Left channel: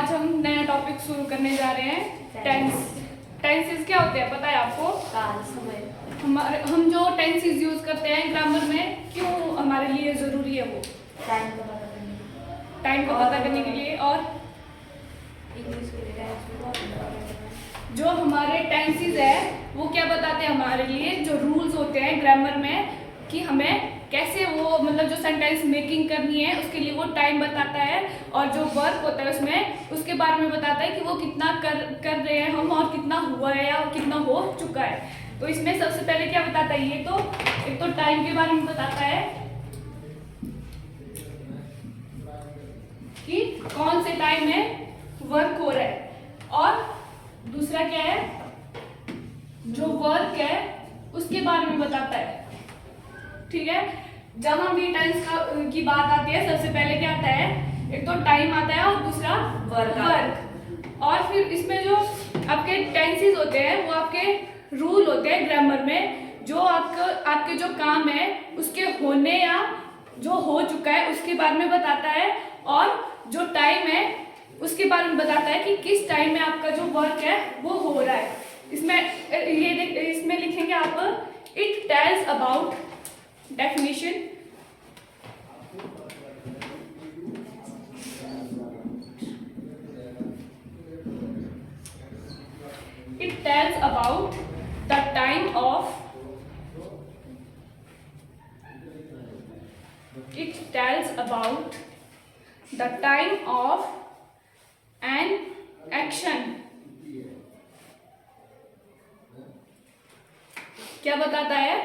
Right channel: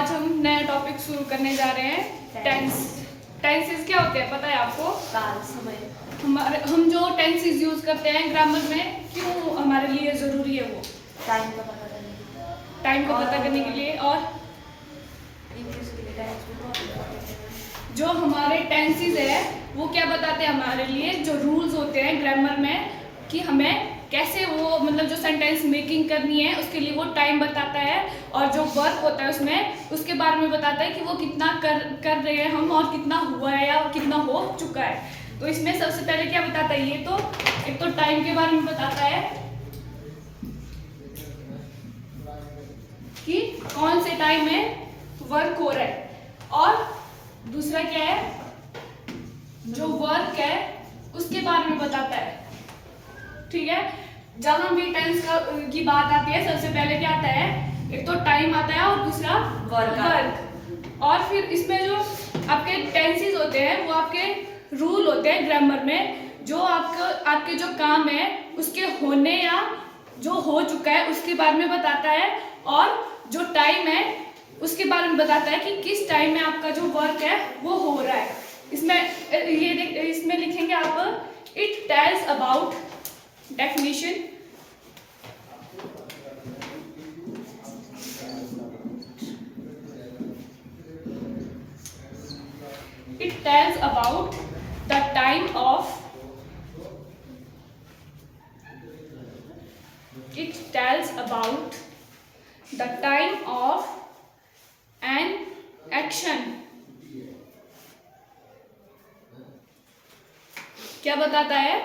आज हम नया टॉपिक शुरू करने जा रहे हैं टेंस। टेंसेस क्या होते हैं पता है आपको? काल, समय। हम जो टेंसेस यूज करते हैं ग्रामर में, क्यों हमारे लिए जरूरी है वो? टाइम का पता करने के लिए। टाइम को पता करने के लिए, और इंग्लिश के लिए टेंस भी बहुत इम्पोर्टेंट है। जो हमारे टेंसेस है वो क्या बताते हैं हमारे लिए, जो रूल्स होते हैं ग्रामर में कि हमें कैसे वो मतलब जो सेंटेंस मेकिंग करनी है उसके लिए वो टाइम बताता है, और जो वर्क होता है उसमें उसके बारे में बताता है कि वो कितना कर रहे हैं हम, और कितना हुआ है या कितना हो चुका है। तो इसमें सबसे पहले क्या बताता है, ये तो एक तो टाइम के बारे में बताता है कि कौन से टाइम में वर्क हो रहा है, और दूसरा क्या है, जो वर्क है उसके बारे में बताता है। ठीक है, जहां भी टेंस की बात आती है सबसे पहले क्या आता है, एक तो टाइम आता है और दूसरा वर्क। और फिर इसमें जो आपके टेंसेस होते हैं वो आपके रूल होते हैं ग्रामर में, जो आपके जो काम है उसके होने या जो हो चुका है उसके बारे में बताता है, और जो टाइम है उसके बारे में बताता है कि किस टाइम में आपका जो वर्क है वो हो रहा है। इसमें लिखेंगे आप, it tells about definition, it tells about the time of, it tells about the time of an action। क्या बताता है?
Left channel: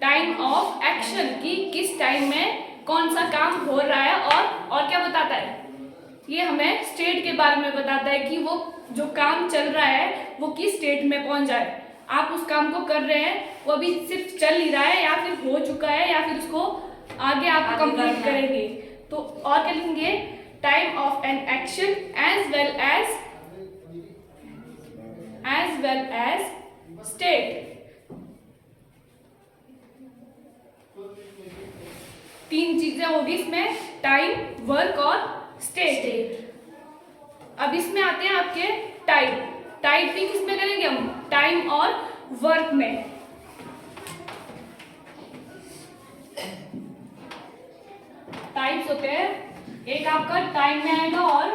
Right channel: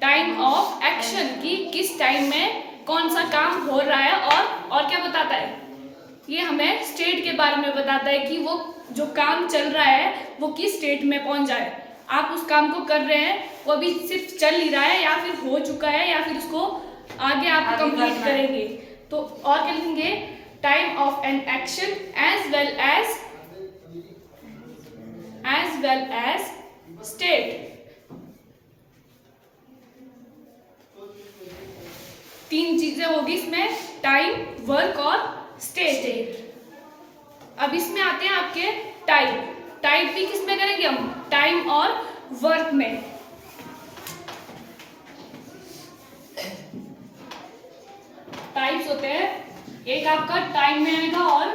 टाइम ऑफ एक्शन, कि किस टाइम में कौन सा काम हो रहा है, और क्या बताता है, ये हमें स्टेट के बारे में बताता है कि वो जो काम चल रहा है वो किस स्टेट में पहुंच जाए। आप उस काम को कर रहे हैं, वो अभी सिर्फ चल ही रहा है या फिर हो चुका है या फिर उसको आगे आप कंप्लीट करेंगे। तो और क्या लिखेंगे, time of an action as well as state. तीन चीजें होगी इसमें, टाइम, वर्क और स्टेट। अब इसमें आते हैं आपके टाइपिंग किस में करेंगे हम, टाइम और वर्क में। टाइप्स होते हैं, एक आपका टाइम में आएगा और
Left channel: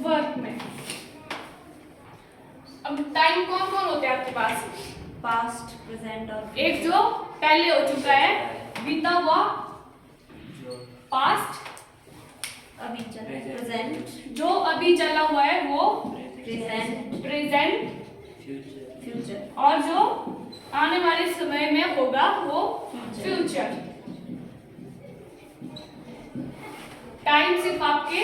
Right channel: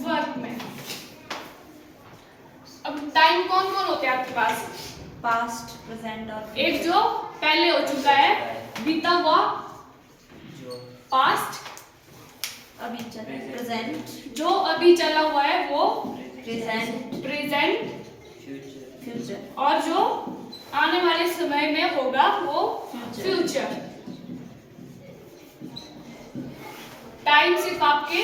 वर्क में। अब टाइम कौन कौन होते हैं आपके पास? पास्ट, प्रेजेंट और एक जो पहले हो चुका है, बीता हुआ पास्ट, अभी चल प्रेजेंट, जो अभी चला हुआ है वो प्रेजेंट, फ्यूचर, और जो आने वाले समय में होगा वो फ्यूचर। टाइम सिर्फ आपके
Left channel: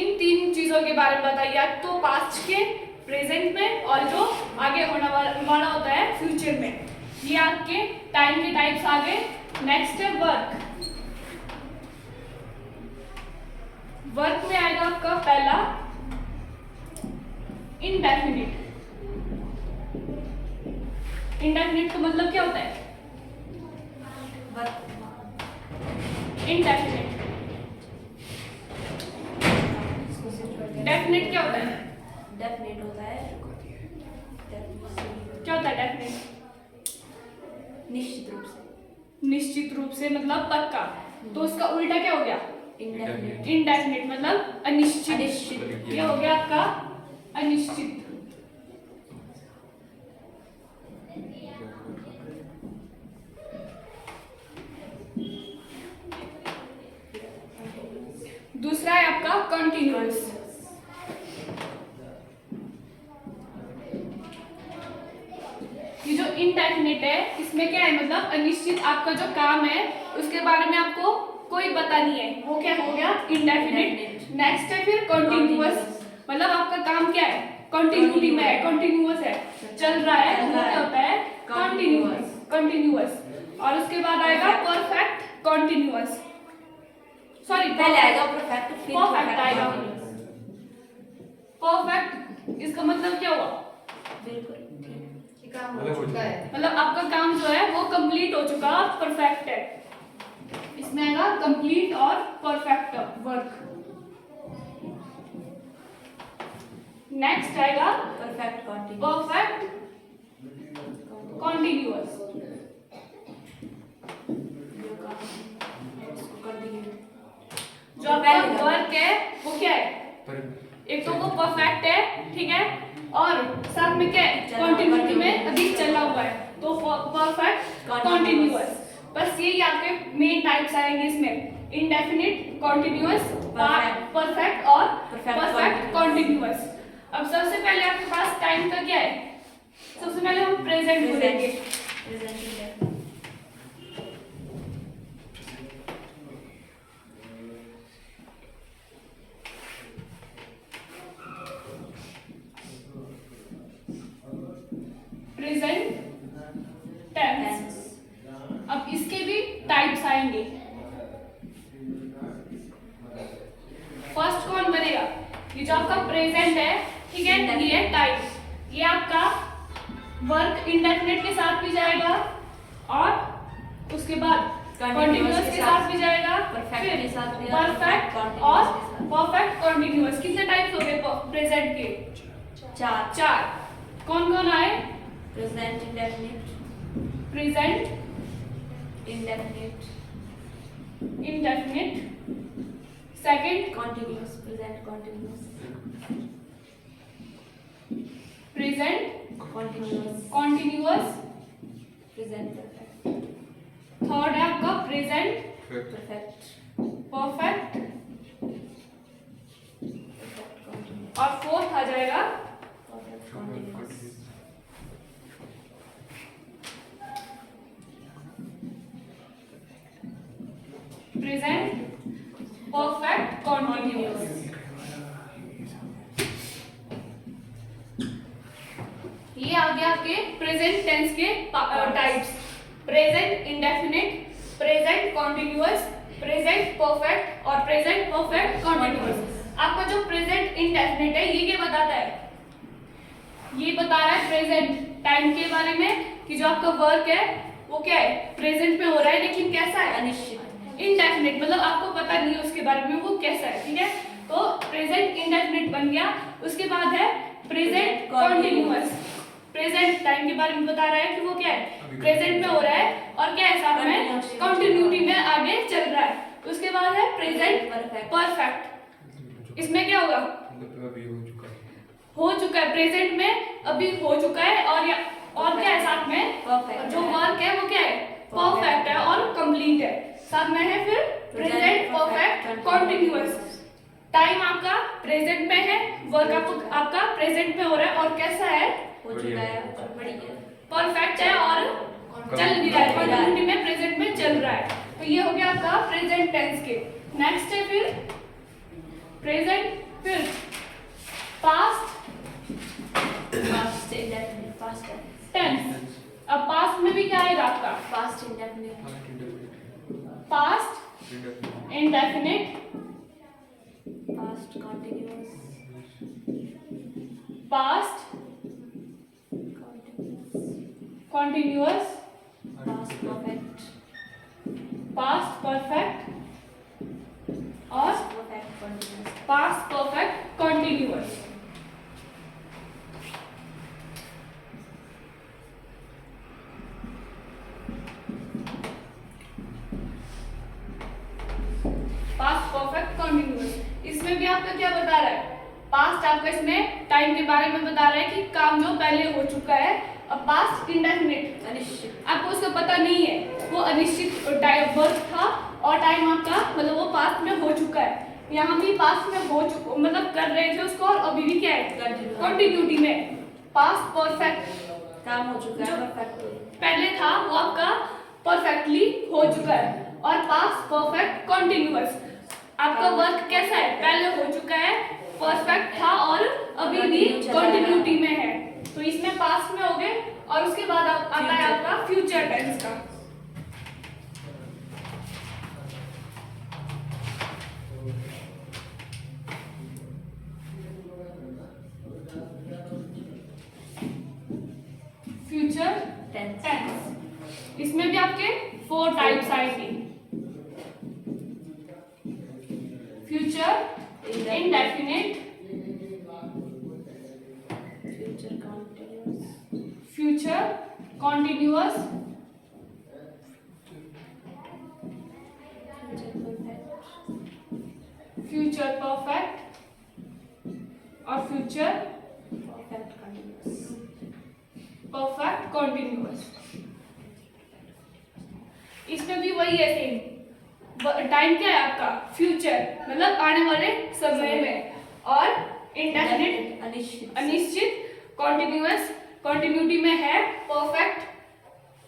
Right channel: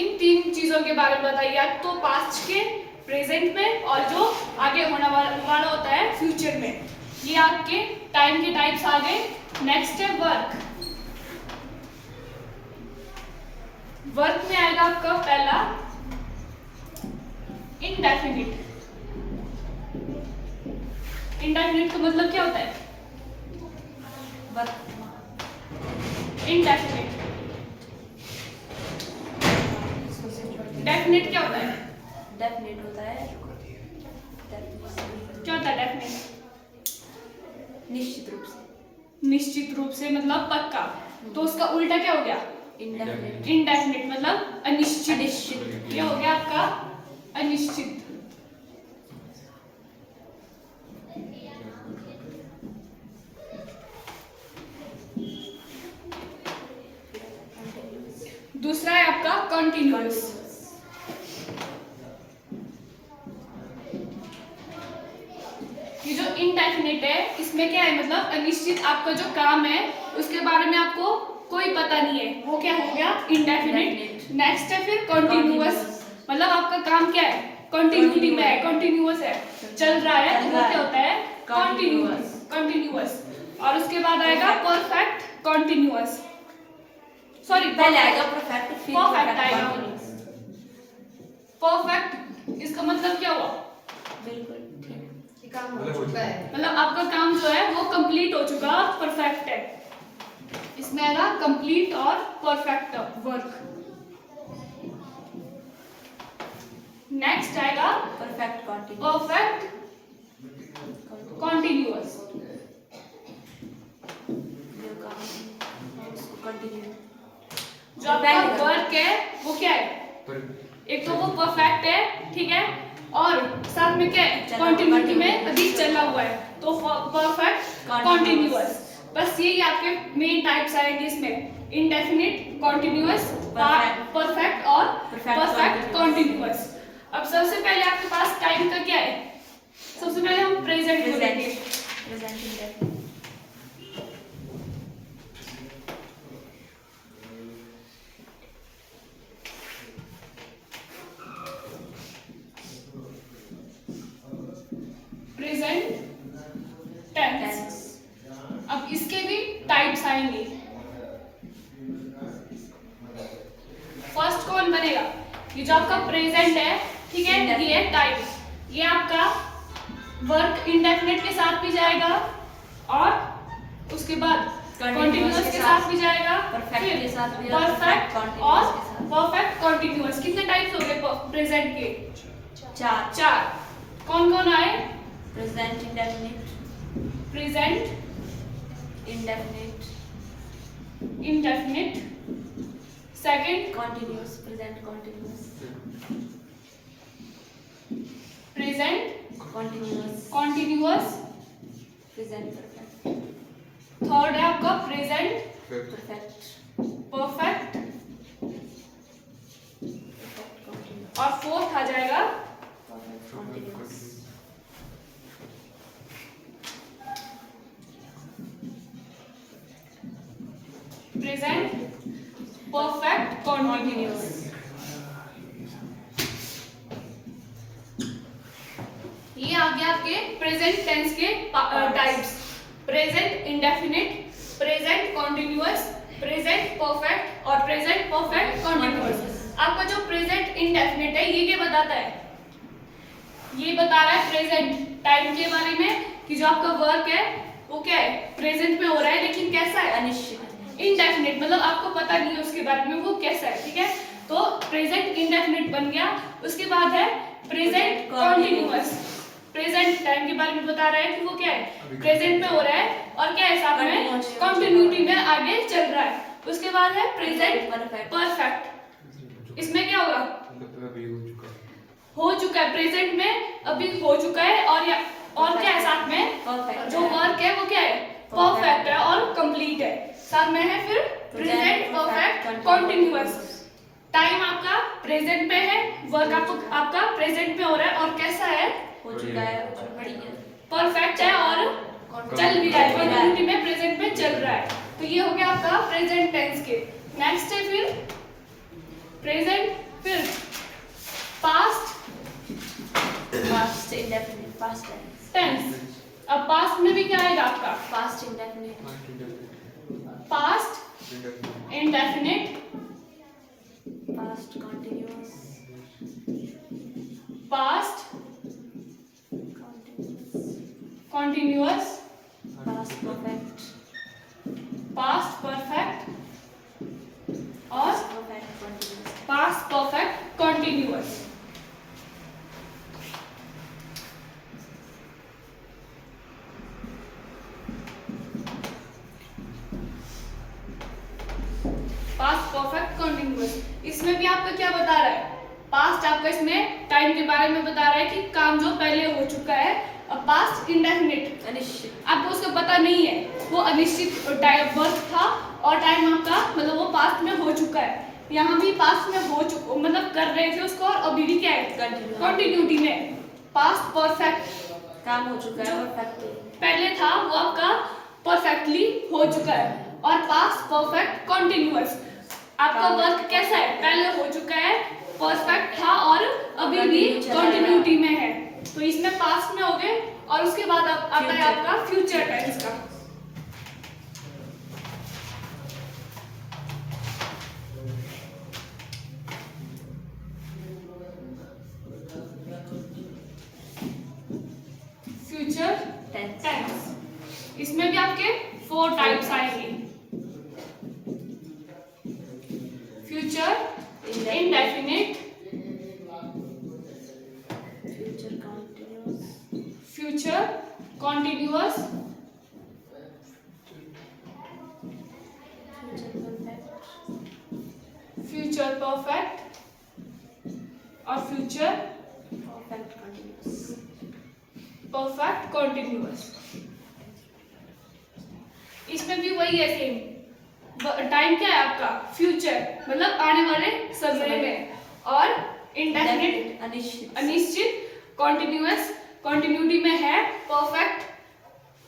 इन तीन चीजों के बारे में बताइए, तो पास्ट के, प्रेजेंट में, और जो आगे होने वाला होता है फ्यूचर में। ये आपके टाइम के टाइप्स आ गए। नेक्स्ट है वर्क। वर्क में आएगा आपका पहला इंडेफिनिट। इंडेफिनिट का मतलब क्या होता है? इंडेफिनिट। डेफिनिट क्या होता है? डेफिनेट होता है, क्या होता है डेफिनिट? निश्चित रूप से मतलब पक्का। तो उसका उल्टा क्या हो गया? इंडेफिनिट मतलब अनिश्चित। ये हो गया आपका अनिश्चित। दूसरा है आपका कंटिन्यूअस। ये जो इनडेफिनिट है इसमें क्या है, मतलब अनिश्चित, आपका जो काम है उसके बारे में आपको कोई पता नहीं है, वो क्या हो गया, इंडेफिनिट। नेक्स्ट है फिर कंटिन्यूअस, मतलब आपका काम क्या है, कंटिन्यूटी में है, कंटिन्यूअस है, चल रहा है, तो वो क्या होता है, कंटिन्यूअस। और उसके बाद आएगा परफेक्ट कंटिन्यूअस, सॉरी परफेक्ट आएगा। परफेक्ट इसका मतलब क्या हुआ? बिल्कुल ठीक। काम हो चुका है। मतलब आपका काम जो है वो कंप्लीट हो चुका और परफेक्ट है। इसमें आएगा कंप्लीट और परफेक्ट वर्क। नेक्स्ट आएगा परफेक्ट कॉन्टिन्यूअस। Perfect continuous. जो काम है उसको कंटिन्यू। जो आपका वर्क है वो क्या है, एक तो वो परफेक्ट है, ठीक है, और साथ में क्या है, कॉन्टिन्यूटी में अभी चला हुआ है, तो परफेक्ट कॉन्टिन्यूअस। बस यही आपके मेन टाइप्स आएंगे इसमें, इंडेफिनिट, कॉन्टिन्यूअस, परफेक्ट और परफेक्ट कॉन्टिन्यूअस। अब सबसे पहले आपके पास टाइम का क्या है, सबसे पहले हम प्रेजेंट बोलेंगे। Present indefinite. Present tense. अब इसके भी टाइप्स आएंगे। फर्स्ट कौन बनेगा, ये जो आपका प्रेजेंट है, ठीक है, ये है टाइप, ये आपका वर्क इंडेफिनिट के साथ भी जाएगा और उसके बाद कंटिन्यूअस के साथ भी जाएगा, परफेक्ट के साथ भी, परफेक्ट और परफेक्ट कंटिन्यूअस। कितने टाइप्स हो गए प्रेजेंट के, चार। चार। कौन कौन आए, present indefinite, present indefinite, indefinite, second continuous, present continuous, present continuous, continuous, present perfect, third है आपका present perfect, perfect, perfect continuous, और फोर्थ आ जाएगा perfect continuous. Present perfect continuous. ये आ गया आपके प्रेजेंट टेंस के types, present indefinite, present continuous, present perfect और present perfect continuous. आपका जो प्रेजेंट इंडेफिनिट है ये क्या बताता है, ये बता रहा है प्रेजेंट टाइम के बारे में कि जो आपका वर्क है वो क्या है, प्रेजेंट में हो रहा है, लेकिन कैसा है, अनिश्चित, इंडेफिनिट, मतलब आपको पता नहीं है उसके बारे में वो कैसा है, ठीक है। तो प्रेजेंट इंडेफिनिट बन गया। उसके बाद है प्रेजेंट कॉन्टिन्यूअस, प्रेजेंट टाइम के बारे में बता रहा है कि वो क्या है, प्रेजेंट में हो रहा है और क्या है, साथ में कंटिन्यूटी में आगे चल रहा है। उसके बाद है प्रेजेंट परफेक्ट, इसमें क्या होगा, हो चुका है, प्रेजेंट में अभी हो चुका है, और क्या है साथ में, परफेक्ट जो वर्क है वो क्या है, परफेक्ट है और कंप्लीट है। साथ में है फिर प्रेजेंट परफेक्ट कॉन्टिन्यूअस, टाइम आपका प्रेजेंट में है, वर्क आपका प्रेजेंट में हो रहा है और कैसा है, हो चुका है, बढ़िया, परफेक्ट है और चल भी रहा है, कंटिन्यूटी में प्रेजेंट में चल रहा है। तो ये हो गया आपका प्रेजेंट टेंस के। नेक्स्ट है फिर प्रेजेंट, फिर past past indefinite, past tense. अब पास्ट में भी क्या आएगा आपका, past indefinite, past indefinite, past continuous, past continuous, continuous, past perfect, past perfect और perfect continuous. Past perfect continuous. Past perfect continuous, इसमें भी आपका क्या बता रहा है, पास्ट आपका इसमें टाइम के बारे में बता रहा है कि काम जो पहले हो चुका है। अब पास्ट इंडेफिनिट, अनिश्चित, आपको उसका पता नहीं है, वो अनिश्चित वर्क था और टाइम आपका मतलब वो पास्ट में हो चुका है। यहाँ भी पास्ट में हो चुका, मतलब कर रहे थे उसको और अभी भी क्या है, कंटिन्यूटी में। पास्ट परफेक्ट, काम हो चुका है, परफेक्ट पहले था वो आपका परफेक्टली हो चुका है। और पास्ट परफेक्ट कॉन्टिन्यूअस, आपका वर्क कैसा है, पहले हो चुका है, परफेक्ट था और अभी भी कंटिन्यूटी में है। तो इसमें पास्ट में हो गए और उसके बाद आता है आपका फ्यूचर टेंस का। इसमें भी आपके 4 टाइप्स आएंगे। Future indefinite, future continuous, future perfect और फ्यूचर परफेक्ट कॉन्टिन्यूअस। इसमें भी वही है सेम। टाइम क्या है आपका? फ्यूचर मतलब आने वाले समय में, और इंडेफिनिट अनिश्चित, कॉन्टिन्यूअस कॉन्टिन्यूटी में है, परफेक्ट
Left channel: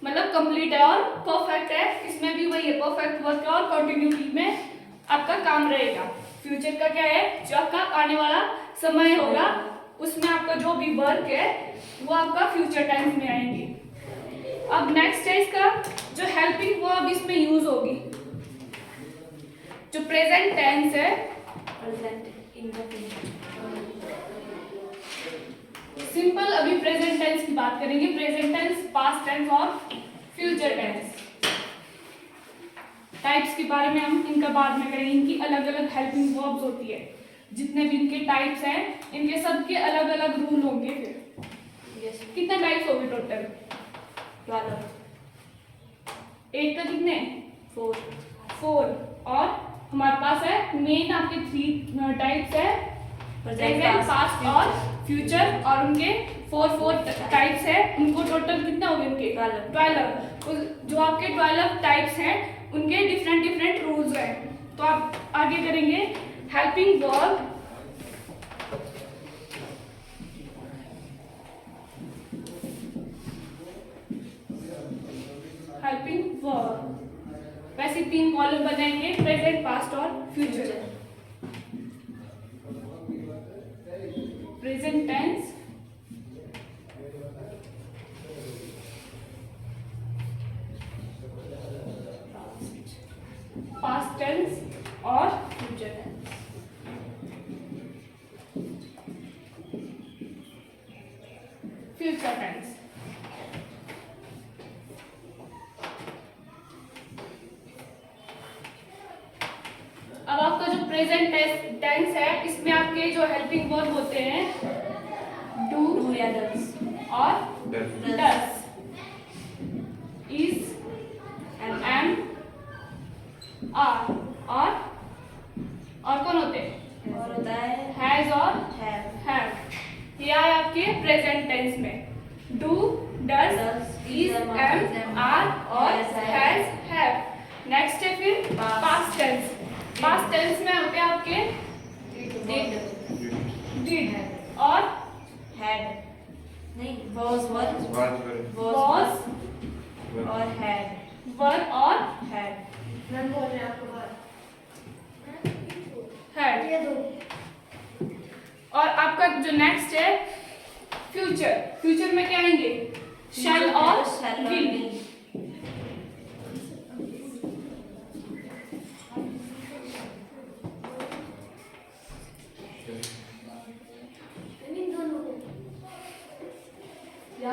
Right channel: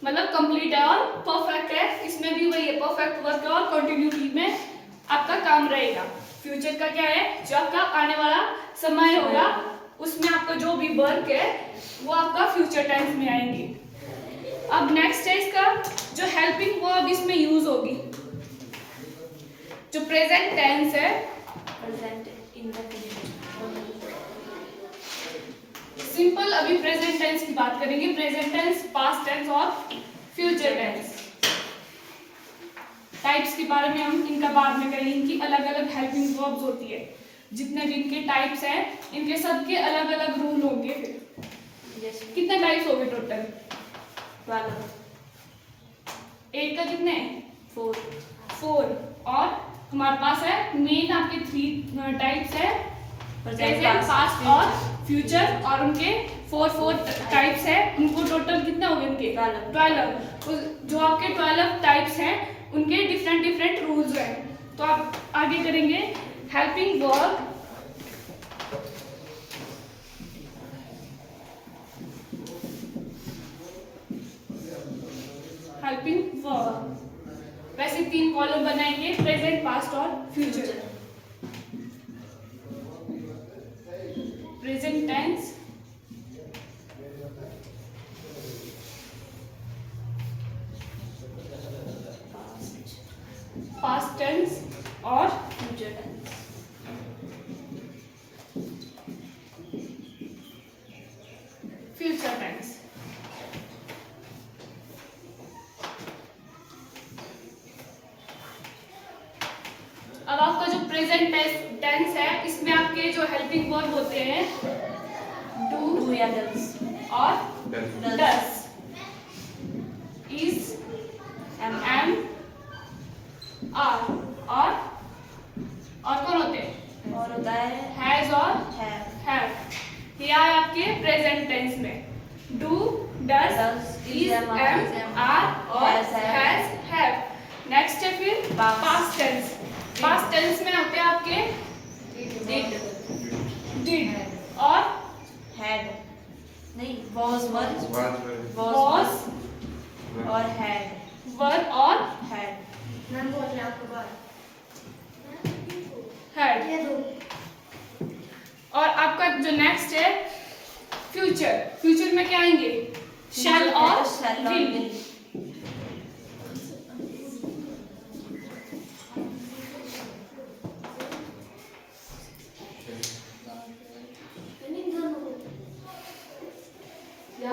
मतलब कंप्लीट है और परफेक्ट है, इसमें भी वही है, परफेक्ट वर्क है और कंटिन्यूटी में आपका काम रहेगा। फ्यूचर का क्या है? जो आपका आने वाला समय होगा उसमें आपका जो भी वर्क है वो आपका फ्यूचर टेंस में आएंगे। अब नेक्स्ट है इसका जो हेल्पिंग वर्ब इसमें यूज होगी। जो प्रेजेंट टेंस है, सिंपल अभी प्रेजेंट टेंस की बात करेंगे। प्रेजेंट टेंस, पास्ट टेंस और फ्यूचर टेंस। टाइप्स के बारे में हम इनका बाद में करेंगे। इनकी अलग अलग हेल्पिंग वर्ब्स होती है। जितने भी इनके टाइप्स हैं इनके सबके अलग अलग रूल होंगे। फिर कितने टाइप्स होंगे टोटल? 8 का कितने? 4। और हमारे पास है मेन आपके 3 टाइप्स है, प्रेजेंट, पास्ट और फ्यूचर, और उनके 4 टाइप्स है। उनको टोटल कितना हो गए? उनके 12। जो आपके 12 टाइप्स हैं उनके डिफरेंट रूल्स हैं। तो आप आगे करेंगे हेल्पिंग वर्ब। हेल्पिंग वर्ब वैसे 3 कॉलम बनाएंगे, प्रेजेंट, पास्ट और future. Present tense, past tense और फ्यूचर टेंस। Future tense. अब आपका जो प्रेजेंट टेंस है इसमें आपके जो हेल्पिंग वर्ब होते हैं डू या डज और डस, इज, एम, आर और कौन होते हैं? और होता है हैज और हैव। ये आए आपके प्रेजेंट टेंस में। Do, does, is, am, are और हैज, हैव। नेक्स्ट है फिर पास्ट टेंस। पास्ट टेंस में होते हैं आपके डिड और हैड, नहीं was was और had, were और had। मैम बोल रहे हैं आपको बात had। ये दो और आपका जो नेक्स्ट है फ्यूचर। फ्यूचर में क्या आएंगे? शैल और विल।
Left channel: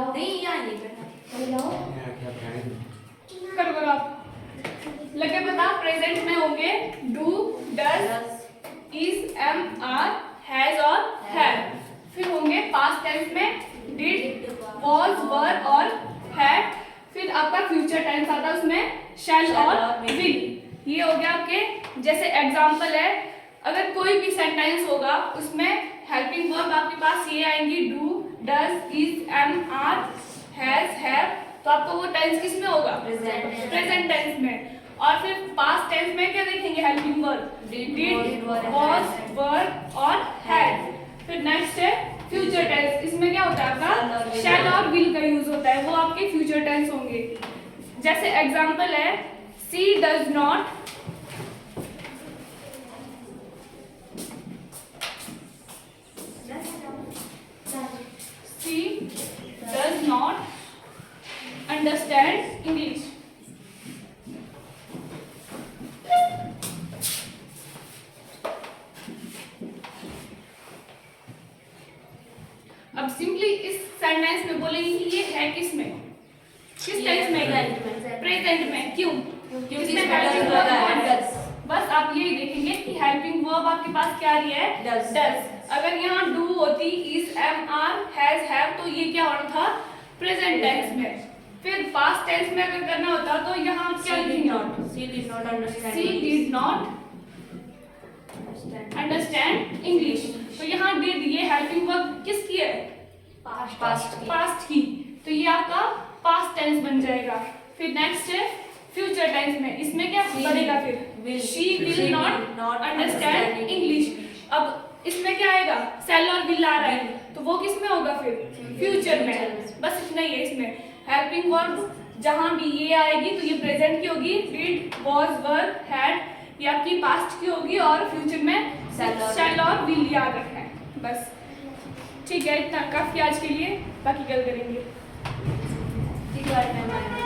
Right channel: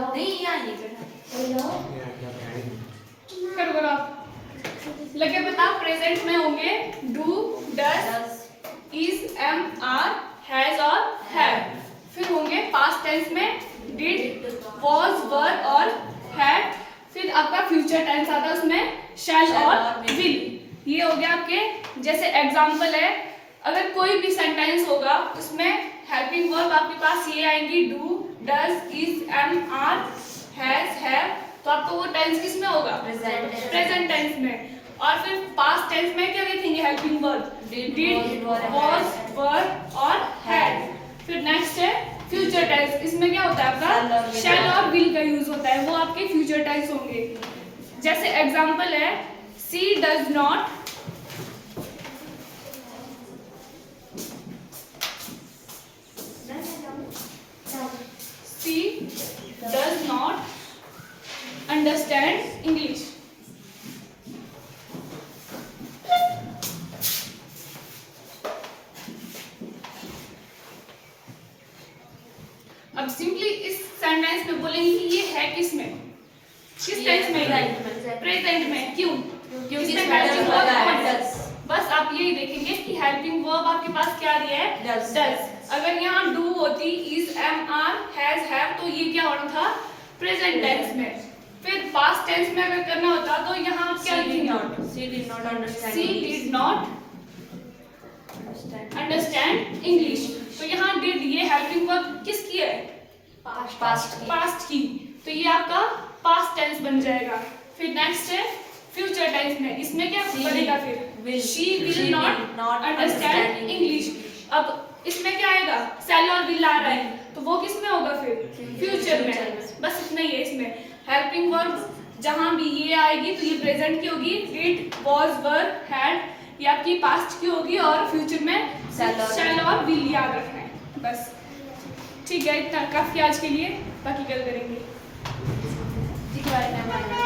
नहीं यहाँ ये बैठा करो करो आप लगे बता। प्रेजेंट में होंगे do, does, is, am, are, has और हैव। फिर होंगे पास्ट टेंस में डिड, वॉज, वर और हैड। फिर आपका फ्यूचर टेंस आता है उसमें शैल और विल। ये हो गया आपके। जैसे एग्जांपल है, अगर कोई भी सेंटेंस होगा उसमें हेल्पिंग वर्ब आपके पास ये आएंगी do, does, is, am, are, has, have. तो आपको वो टेंस किस में होगा? प्रेजेंट टेंस में। और फिर पास्ट टेंस में क्या देखेंगे helping verb? Did, was, were और हैड। फिर नेक्स्ट है फ्यूचर टेंस। इसमें क्या होता है आपका? शैल और विल का यूज होता है, वो आपके फ्यूचर टेंस होंगे। जैसे एग्जांपल है सी डज नॉट अंडरस्टैंड इंग्लिश। अब सिंपली इस सेंटेंस में बोलेंगे कि ये है किस में? किस टेंस में है? प्रेजेंट में क्यों? क्योंकि इसमें इसमें helping does verb लगा है, कौन? does। बस आप यही देखेंगे कि हेल्पिंग वर्ब आपके पास क्या आ रही है? Does। डज। अगर यहाँ डू होती, is, am, are, has, have, तो ये क्या होना था? प्रेजेंट टेंस में। फिर पास्ट टेंस में अगर करना होता तो यहाँ क्या She did लिखेंगे? not understand She did not understand English। तो यहाँ did ये हेल्पिंग वर्ब किसकी है? पास्ट की। तो ये आपका पास्ट टेंस बन जाएगा। फिर नेक्स्ट है फ्यूचर टेंस में, इसमें क्या बनेगा फिर? She will not understand English. अब इसमें क्या आएगा? शैल और विल आ रहा है, तो वो किस में होगा फिर? फ्यूचर में। बस इतना ही है इसमें। हेल्पिंग वर्ब जहां भी ये आएगी तो ये प्रेजेंट की होगी, डिड, वाज, वर, हैड, ये आपकी पास्ट की होगी, और फ्यूचर में शैल और विल याद रखना है। बस ठीक है, इतना काफी आज के लिए, बाकी कल करेंगे। ठीक है।